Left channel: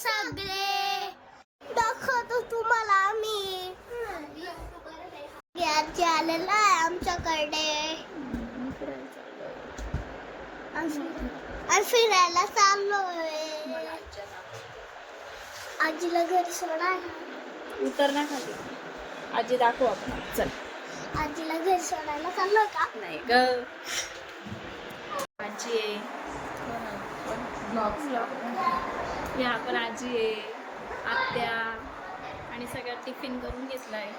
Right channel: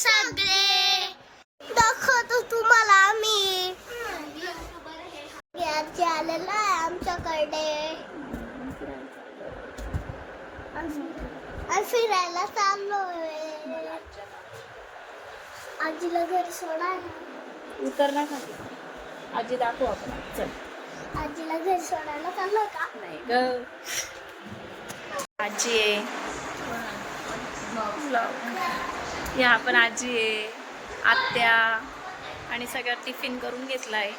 सगळे दाखवतो तुम्हाला आम्ही आजी आलेला आहे आमच्याकडे. फिरायला चाललोय. आजीला घरी सोडायला उतर ना खाली. आजी दाखवू आपण. चल. आजीला घरी सोडायला चाललोय का? नाही ग. आजी आहे. ह्या या पण आजी आहे आत्या आणि सगळं टिफिन करून घेतला आहे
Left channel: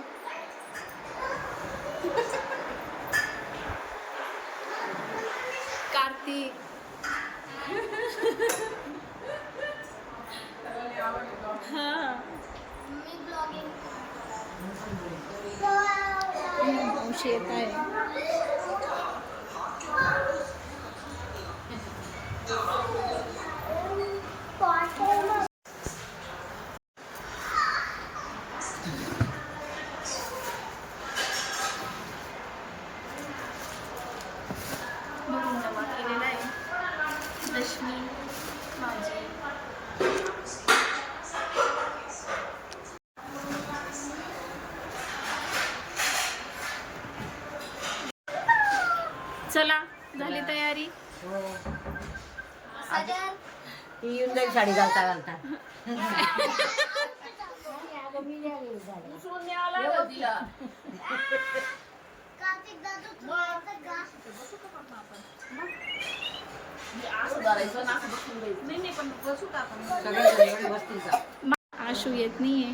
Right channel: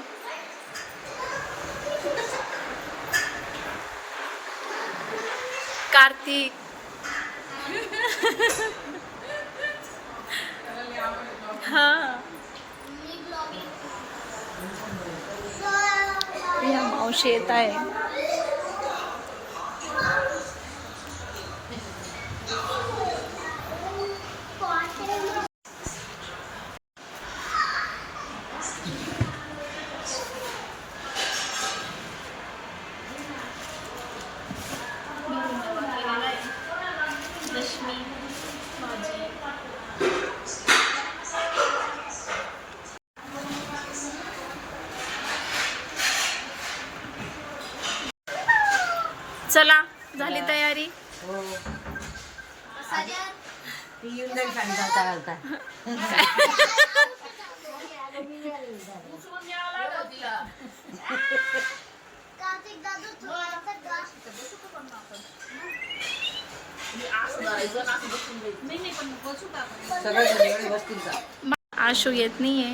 कार्तिक. हा. या मावशी येत आहे. चला झाली तयारी. हो ती येऊन जाईल साडी घालता घालता सगळं जेवण बसतील का आशू येत नाहीये.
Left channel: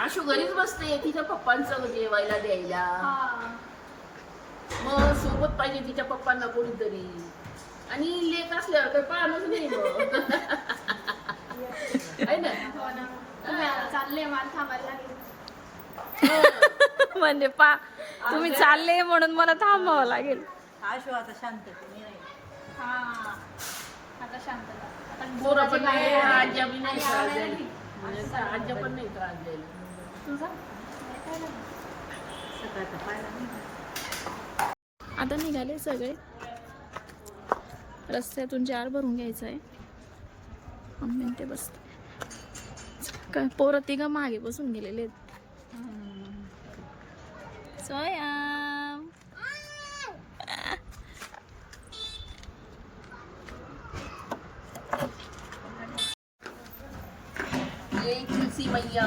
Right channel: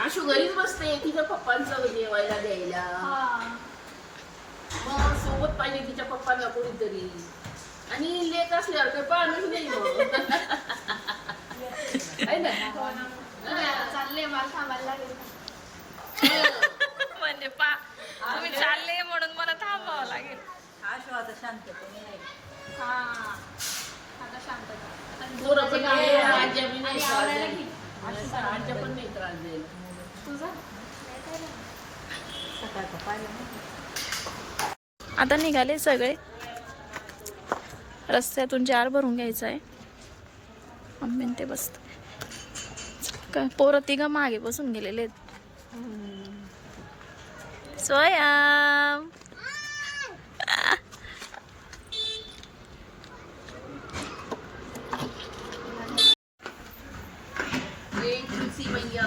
आशू घरीच बसते तिच्या पप्पांचं जेवायला द्यायला. सोबत पाहिजे तिच्या पप्पांना कोणीतरी. आणि लेख असल्यावर काही पाहणच नाही मग. आहे ना? चालले मला थांबायला म्हणजे पा तुम्ही चालले म्हणून मला थांबावं लागेल. आशू आता शांततेने राहील हा. आता शांतता पण पोरं पण नाही आज्या बी नाही आणि त्रास आवडायला द्यायला. की? आज्या पण नाही त्रास द्यायला तुझा? सकाळचं पाहिलं नाही. आता निघाले सगळे. रस्त्यातून जार भरून घ्यायचा आहे. मम्मी ते बसत. काय पोरं तिघं मागे बसून गेलेले आहेत. स्वयं मैया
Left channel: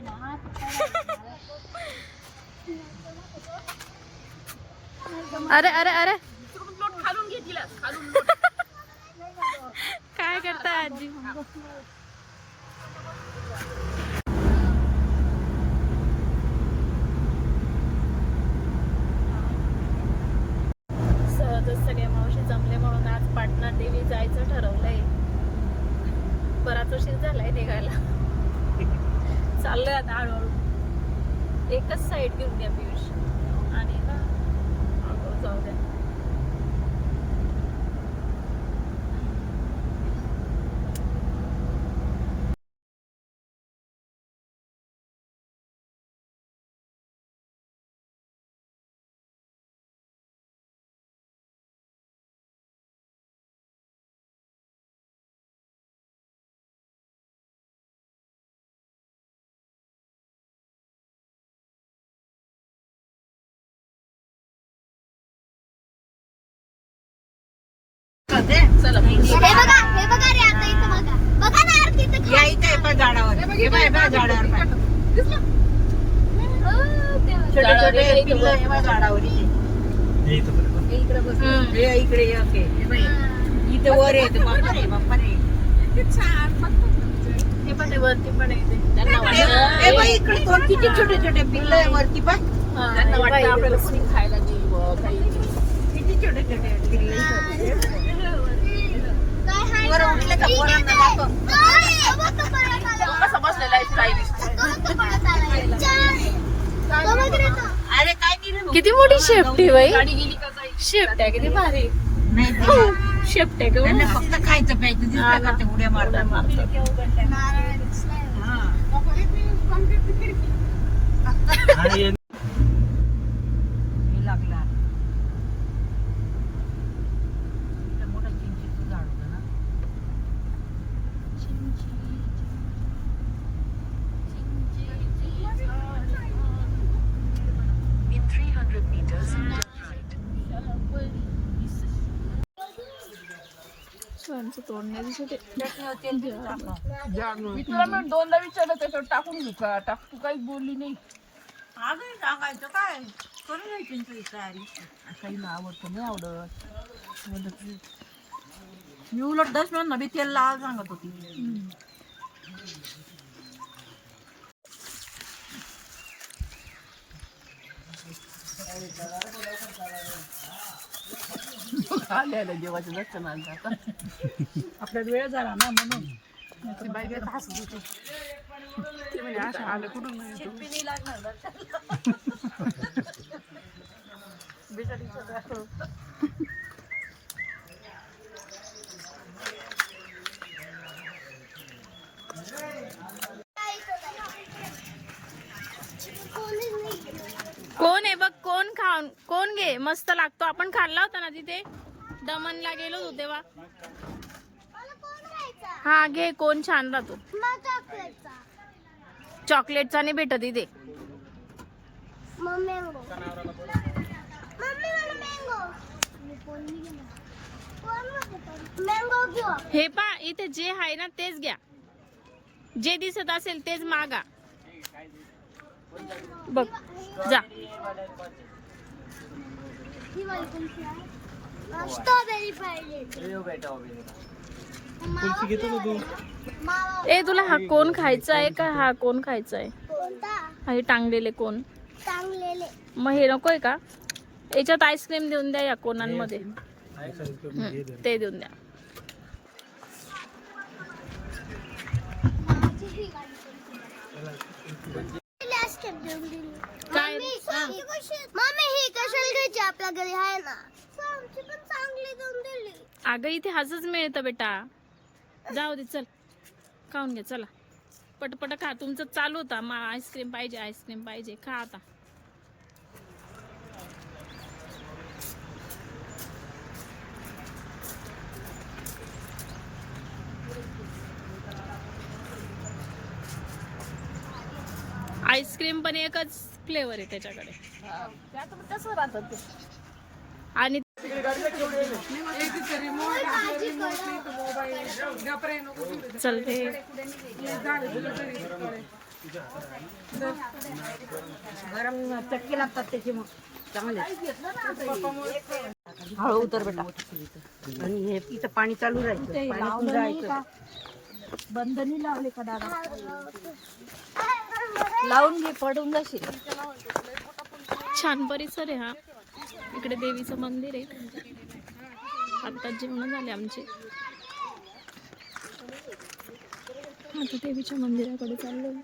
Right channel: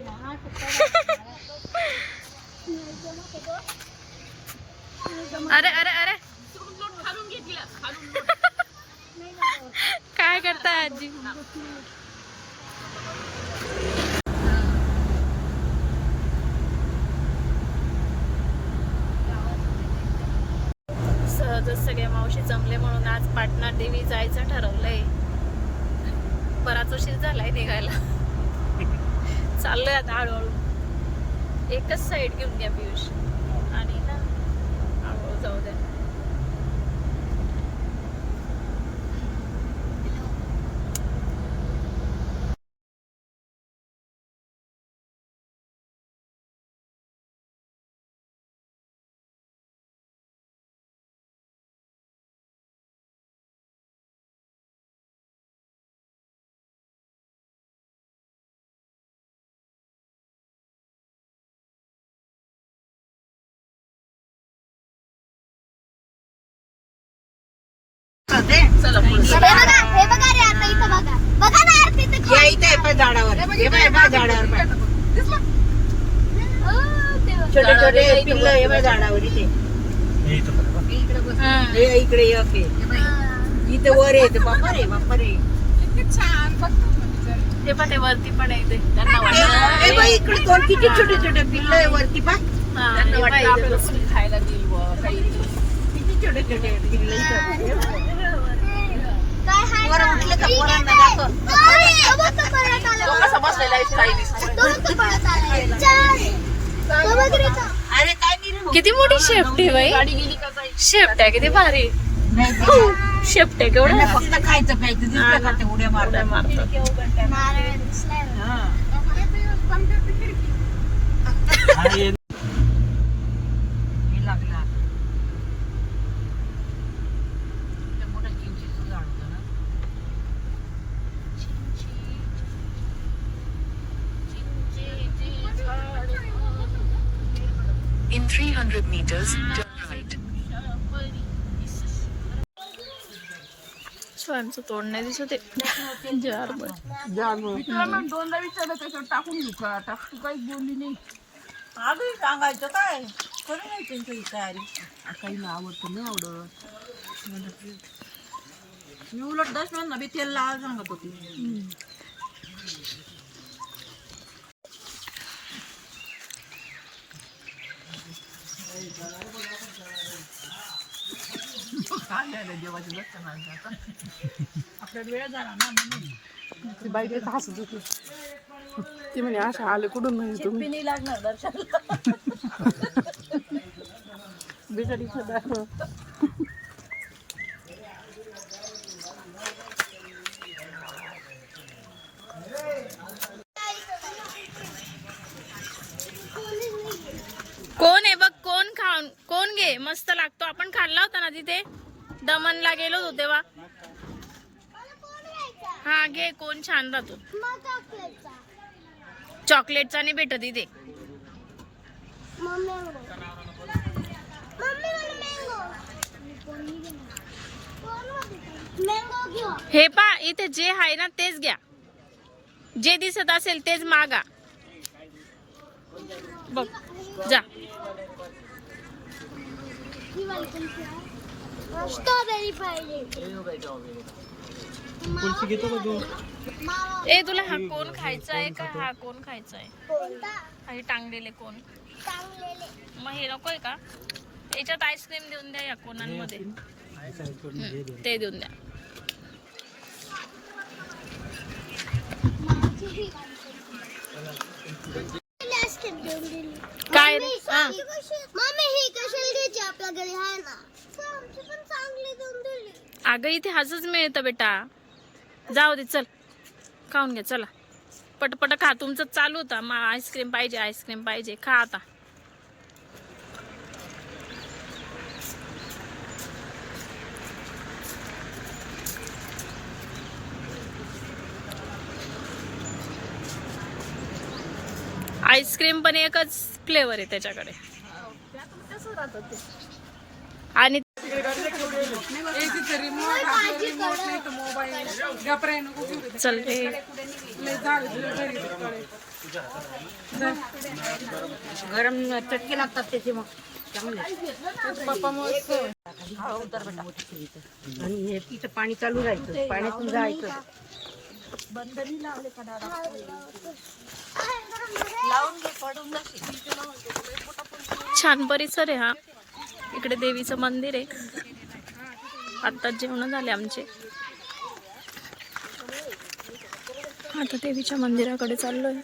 ना, असं करा. अरे अरे अरे। खालून घे तिला खालून. काय करताय आजी सहजच सगळे मावशी जमले म्हणून आज पाटणा देवी जायचं ठरवलंय. बराच उशीर झालाय निघायला. चाललंय आता हळूहळू. एकच साईड घेऊन घ्या पियुष आणि ना हळूहळू जाऊ द्या होते चला पुढे. हे बघा हे बघा रे आता इथं बघा. बघा ना यार तिथे या इथे पण झाडावर. हे झाडावर. छोटे छोटे पिल्लं हे झाडावर इथे. हे इकडे एक. हे वर येते बाप्पा रे बाप्पा रे हे पण आहे वरती पण आहे इथे. त्यांना वाटलं- हे बाई, इकडे दोन किती छोटे छोटे पिल्लं आहे वरती पाय हा, हे किती छोटे छोटे पिल्लं इथं. काय हाय बरं, का? उठलं का ठीक पोरांना आहे, दाखव. काय? अरे, बघ तो पळत आला. तो कसा बसलेला आहे स्टाईलिश तो इथं पळत आला. चल. तो बघ रे तो. अरे काय दिली मग? किती मोठी शेफ्ट आहे बाई. शेफ्ट आहे किती भारी. शेफ्ट आहे केवढं? फक्त खायचं प्यायचं हा उड्या मारतात मारतात हा. हे लागलं आता. इथं मोठं चिंचेचं झाड होतं ना. In 300 meters, turn right. स्वयंचं तोड नाही दिसत आहे. जार बर तुला मी दोनदा विचारलं त्याच्यावर टाकून घेऊ का टाकू काहीच बोलली नाही अगं सांगायचं काय करून नाही त्यांची तयारी काही ना आवडतं नाही आवडत मी उलट दशम्यान नवी तेल लावा सांगत होती. आल्या जेवायचं नसतं ना आता. आपल्याला वेळ झाला ना म्हणून. बाई काय हसत होती ती म्हणजे असं आलं कुठून तुम्ही? नाही लागणार दर्शन बिचारीचं दाखव. कोण आहे बघ कोण खाऊन कोण घे? मस्त लागतो. आपण खाल्ला होता ना तिथे? दमनला गेलो होतो तेव्हा? हा घे. कोण छान राहतो. चॉकलेटचा. नाही भेटत इथे. हे पा इथे जे आहे ना तेच घ्या. जे दिसत असेल तेच मागा. बघ जा. स्ट्रॉबेरी ए तुला हा कोण खायचा आहे का? हा कोण खायचा आहे? हा हे टांगलेले कोण? मग हे नकोय का? याच्यात आईस्क्रीम देऊन द्या या कोणांमध्ये. ते देऊन द्या. काय? रे हा. मम्मी ही कशाला घ्यायची आहे ना? आमची पण चांगली देऊन दिली. अगं इथे हसच मिळतं बेटा. जाऊ दे चल. खाऊन घ्या चला. पटपट खा. तुमचं चालू होता. मा आईस्क्रीम पाहिजे आईस्क्रीम पाहिजे. खा आता. आईस्क्रीम पण एकच फ्लेवर आहे त्याच्याकडे. कसं राहतं ते आणि चल रे. गरम चटके लागतात त्याचे मग. हळू उतर बेटा. आणि हे तिचं पाणी चालू राहायचं. पाण्यातून जायचं. लावून घे पडून छान परिसर आहे हा. इकडे देवीचं मंदिर आहे. आत्ताच जेवण झाले आमचे. आता देवीच्या मंदिराकडे चाललोय.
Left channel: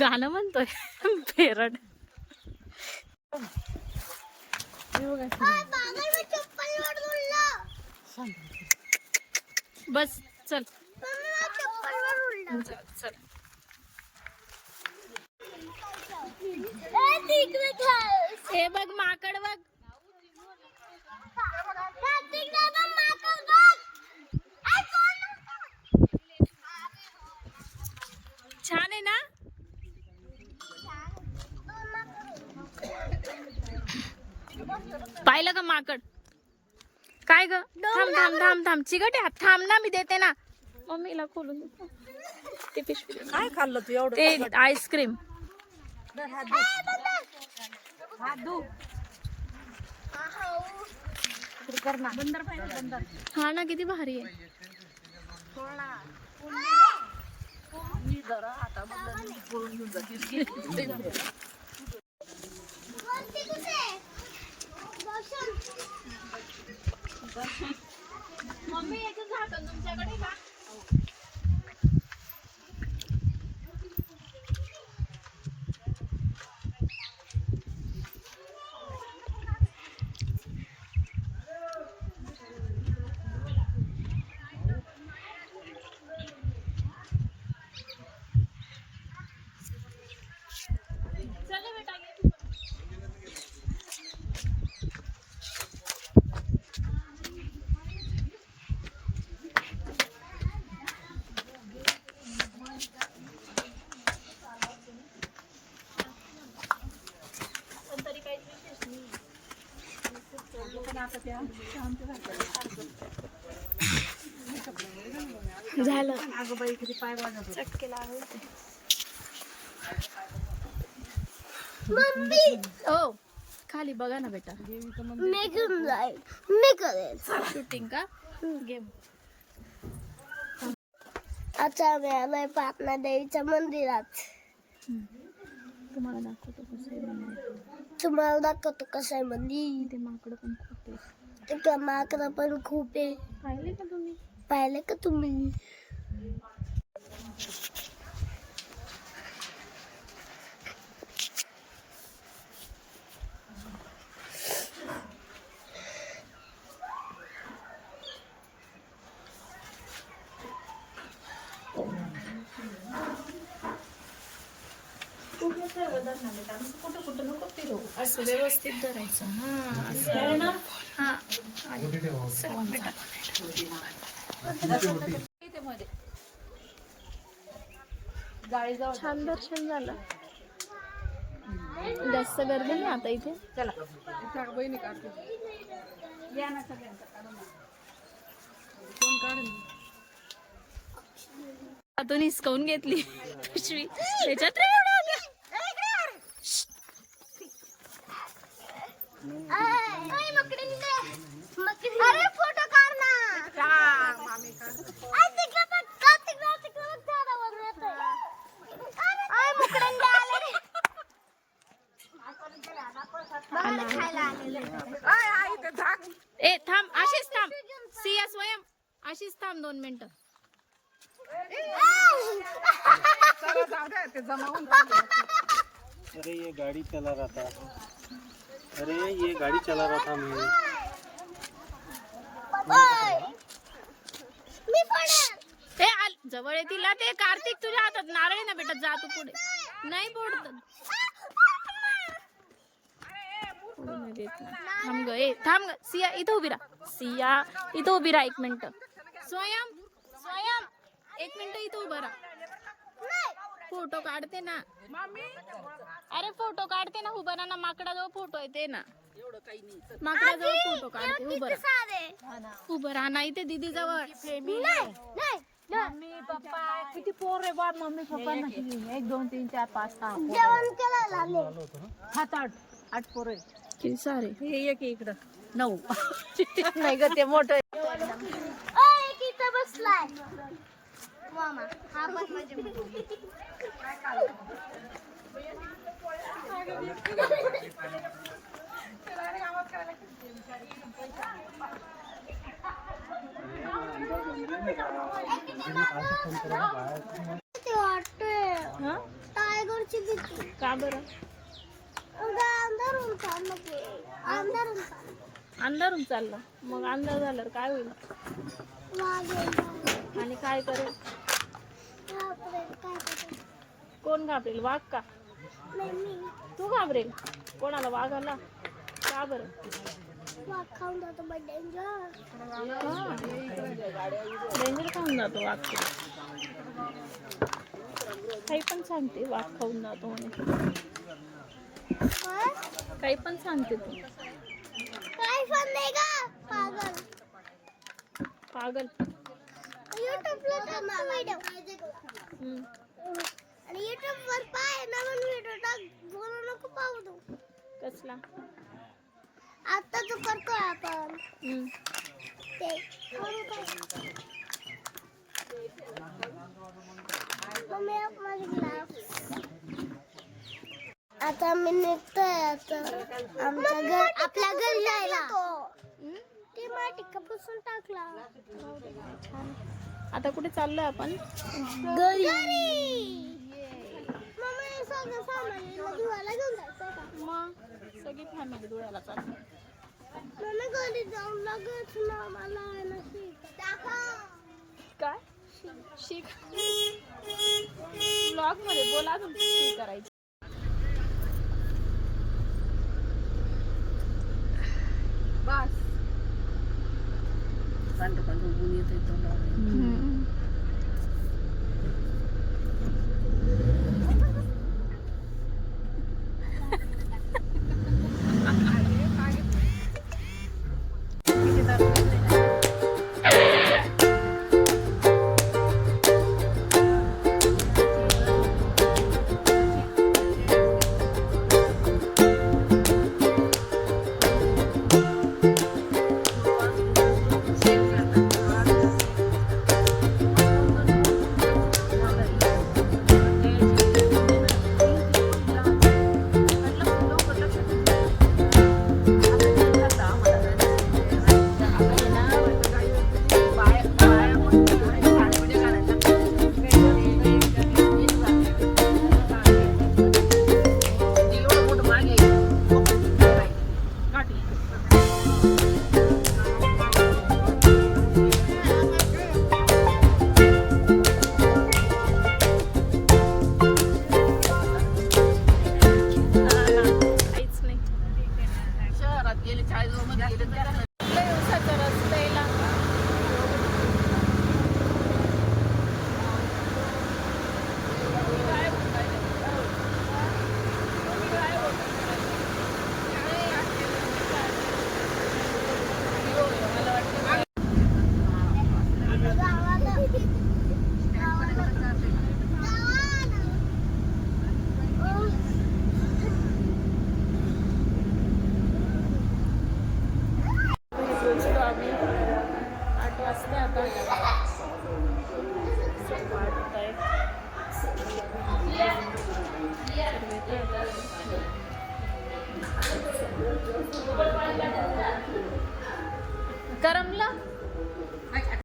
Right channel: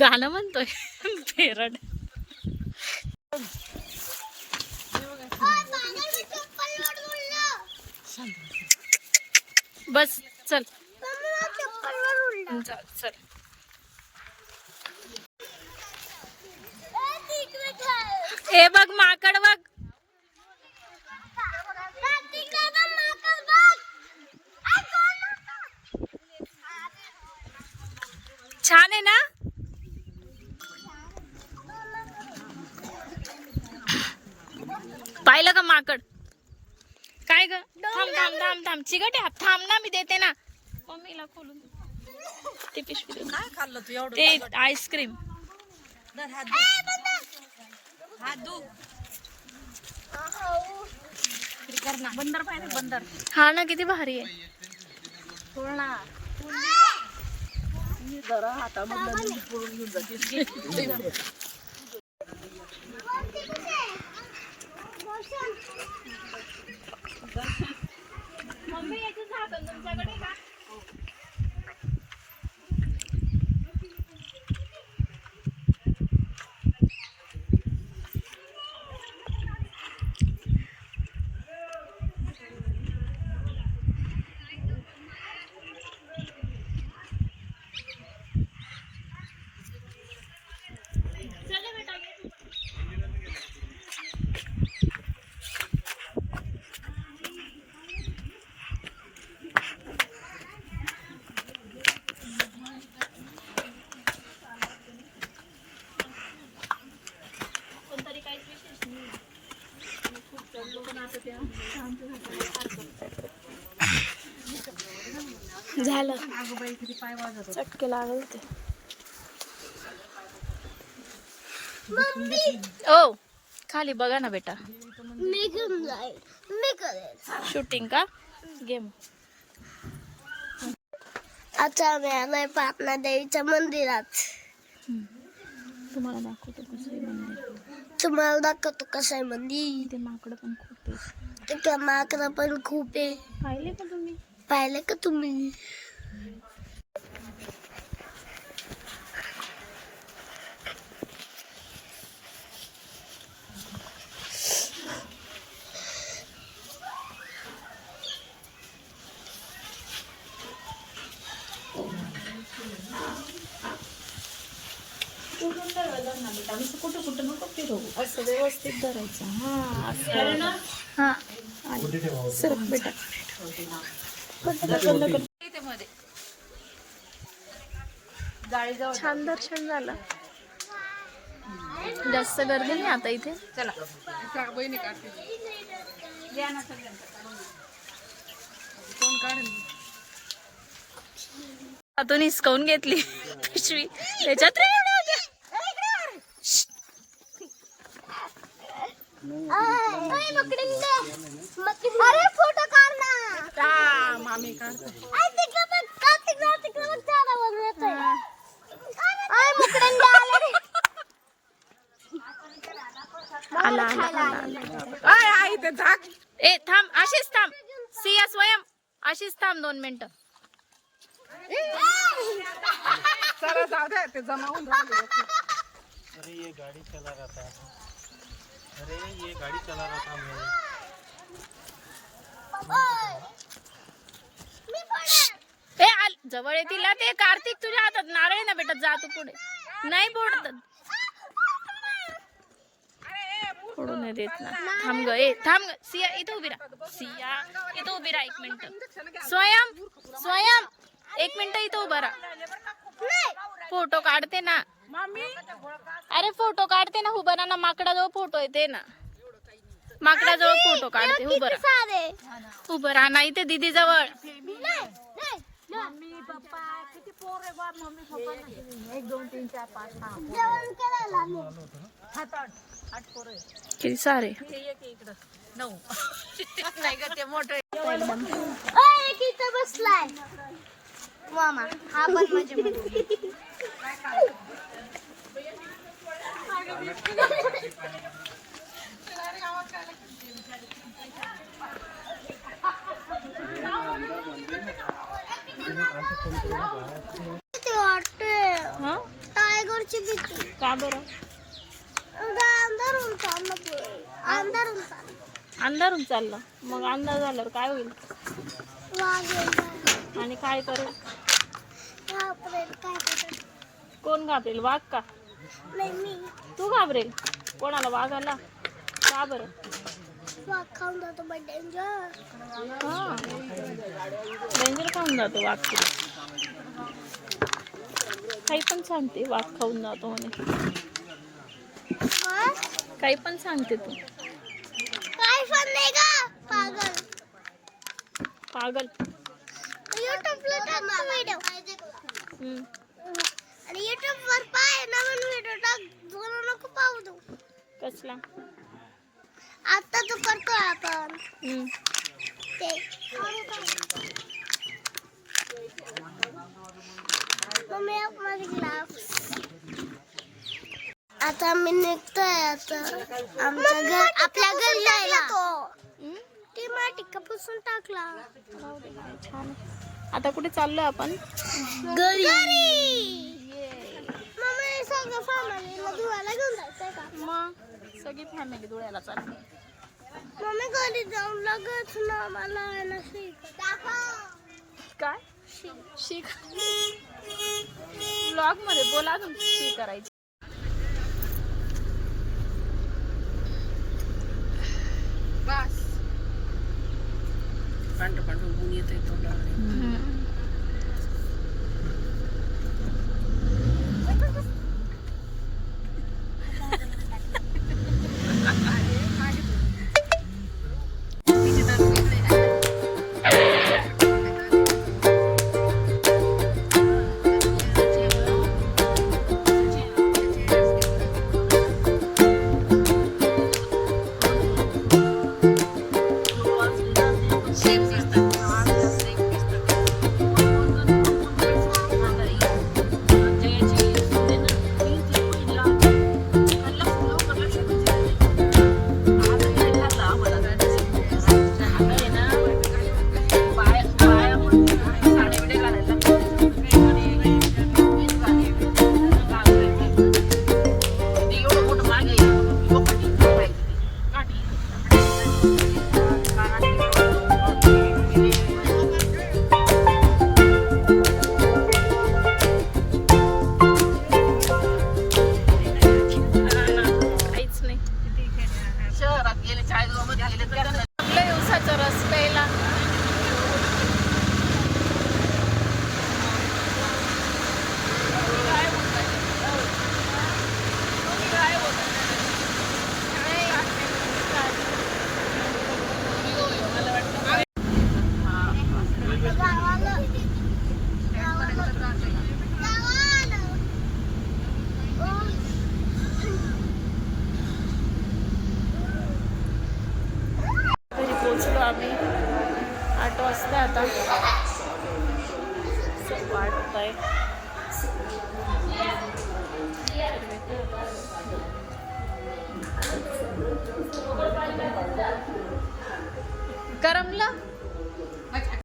गाणं म्हणतोय. फेरड बस चल. चल हे बघ माकड बघ. छान आहे ना? पाहिलं का माकड? काय ग? थांब थांब थांब थांब. चिकट थांब ना मी देते ना. मम्मीला खोलून. ते पिशवी. काय खाल्लं तू एवढं? ते आईस्क्रीम. बंदर पाहिजे बंदर. हा ना किती भारी आहे. मम्मी याचं झाकण तुमच्याकडे का? झालं. चटके ओ खाली बघा ना बेटा. मी मी शूटिंग का? गेम आता आम्ही आलोय पाटणा देवीच्या मंदिरात. तुम्हाला दाखवतो कसं तुम्हाला दाखवतो कसं आहे मंदिर इथे माकडं पण खूप आहे माकडं पण खूप आहे पाहिले का तुम्ही? पाहिलं का तुम्ही? कुठे कुठे नको फिरवू असं व्यवस्थित धरायचं. हा असं. हा सर बेटा छान दर्शन झालं. जास्त गर्दी नाही आता इथे? का बहिणी काढते कोण काढेल? हातून हिसकावून घेतली पिशवी. त्याच्यात रे? अरे फोटो काढ ना का मामी का आ, तिकडं बघ, का तिकडं, तिकडं बघ, झाडं वगैरे येतंय. आय, मुकरंदी आले रे. आला आला आला आला. आय आई ते झाक ए थांब अशीच थांब सिया स्वयं अशीच थांब दोन मिनिटं चला जाऊ द्या ते जमावून राहिले. अरे ये गाड़ी चला रहा था अरे, ये गाड़ी चला रहा था मैं। येतील ते. कार्तिक, तुझ्या हातात नारळ ना बेटा? जा तू पुढे. नाही फोडू सिया सिया एक मिनिट. स्वयं स्वयं, एक मिनिट इथं फ़ोटो काढते ना. अरे फोटो काढते ना उभा राहा ना माकडाजवळ फोटो येते ना. माकडाजवळ फोटो काढते उभं राहा सारे? उभं राहा ना इथे दीदी जवळ नाही. नाही नाही. किती पोर आहे बा मम्मी पप्पा एक दोन तीन चार पाच सहा जेवण करायला आले. सात आठ आठ पोर आहे. किती सारे? हे एक इकडं. नऊ. नाही ग ते मोठं ओय, एक इथं बसलाय. मामा हा पण माझी मुलगी. किती वाटते हं? टायगरची भीती का बरं चाललं. चाललं मग अंधार झाल्यावर काय होईल? वाघ. आणि काय करेल काय? कोण घाबरेल? वाघ का? नाही मी. तू घाबरेल कोणाला वाघाला का बरं? वाघ खाऊन जातो बट डेंजर खाऊन जातो वाघ काही पण सांगते वाघ खाऊन जातो म्हणे. काही पण सांगते तू. काय पण नाही का पागल. पागल. युट्यूबला टाकतो पाय. कसला? आता तू करतो आपण. ते मम्मी एक माझे ग्लास. आता मी निघतोय आता. आमच्या घर आपल्या घरी जायला? ते माटी कापून टाकला. छान आता कुठे चाललो आपण? घरी. मम्मी सगळं घेऊन का? मग? सगळी फॅमिली धुळ्याला चालली. मम्मी घरी जाऊन लगेच ना मला शिक काय? शिक. ब्लॉगमध्ये बोला अजून शी करायची. बस. पांढरं पांढरं ऊन येत तोंडावर